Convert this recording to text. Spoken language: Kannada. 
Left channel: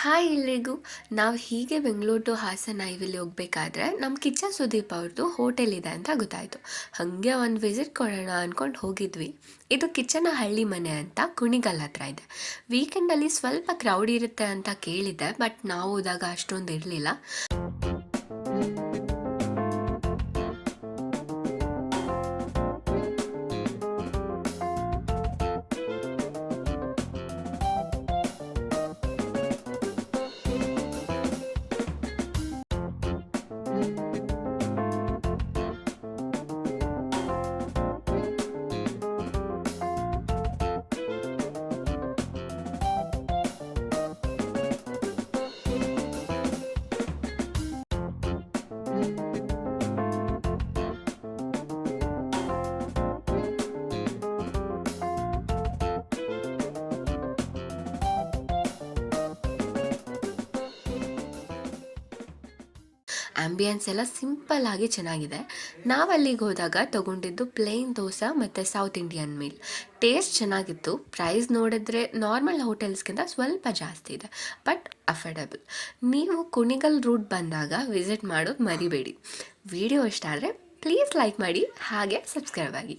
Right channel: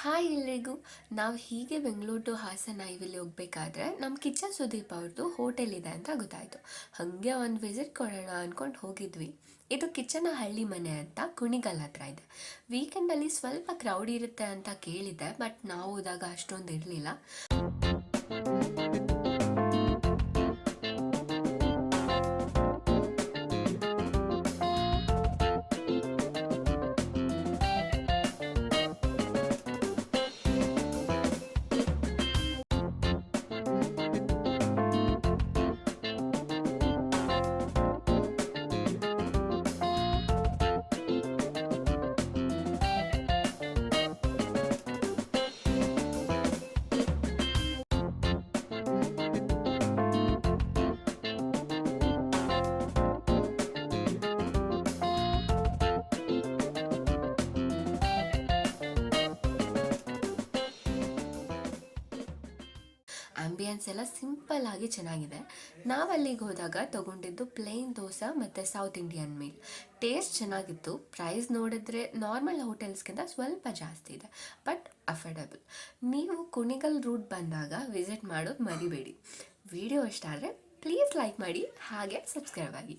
ಹಾಯ್ ಎಲ್ರಿಗೂ. ನಾವು ಹೀಗೆ ಬೆಂಗಳೂರು ಟು ಹಾಸನ ಹೈವೇಲಿ ಹೋಗ್ಬೇಕಾದ್ರೆ ನಮ್ಮ ಕಿಚ್ಚ ಸುದೀಪ್ ಅವ್ರದ್ದು ಹೋಟೆಲ್ ಇದೆ ಅಂತ ಗೊತ್ತಾಯಿತು. ಹಾಗೆ ಒಂದು ವಿಸಿಟ್ ಕೊಡೋಣ ಅಂದ್ಕೊಂಡು ಹೋಗಿದ್ವಿ. ಇದು ಕಿಚ್ಚನ ಹಳ್ಳಿ ಮನೆ ಅಂತ ಕುಣಿಗಲ್ ಹತ್ರ ಇದೆ. ವೀಕೆಂಡಲ್ಲಿ ಸ್ವಲ್ಪ ಕ್ರೌಡ್ ಇರುತ್ತೆ ಅಂತ ಕೇಳಿದ್ದೆ, ಬಟ್ ನಾವು ಹೋದಾಗ ಅಷ್ಟೊಂದು ಇರಲಿಲ್ಲ. ಆ್ಯಂಬಿಯನ್ಸ್ ಎಲ್ಲ ಸಿಂಪಲ್ ಆಗಿ ಚೆನ್ನಾಗಿದೆ. ನಾವು ಅಲ್ಲಿಗೆ ಹೋದಾಗ ತೊಗೊಂಡಿದ್ದು ಪ್ಲೇನ್ ದೋಸೆ ಮತ್ತು ಸೌತ್ ಇಂಡಿಯನ್ ಮೀಲ್. ಟೇಸ್ಟ್ ಚೆನ್ನಾಗಿತ್ತು. ಪ್ರೈಸ್ ನೋಡಿದ್ರೆ ನಾರ್ಮಲ್ ಹೋಟೆಲ್ಸ್ಗಿಂತ ಸ್ವಲ್ಪ ಜಾಸ್ತಿ ಇದೆ, ಬಟ್ ಅಫೋರ್ಡೆಬಲ್. ನೀವು ಕುಣಿಗಲ್ ರೂಟ್ ಬಂದಾಗ ವಿಸಿಟ್ ಮಾಡೋದು ಮರಿಬೇಡಿ. ವಿಡಿಯೋ ಇಷ್ಟ ಆದರೆ ಪ್ಲೀಸ್ ಲೈಕ್ ಮಾಡಿ, ಹಾಗೆ ಸಬ್ಸ್ಕ್ರೈಬ್ ಆಗಿ.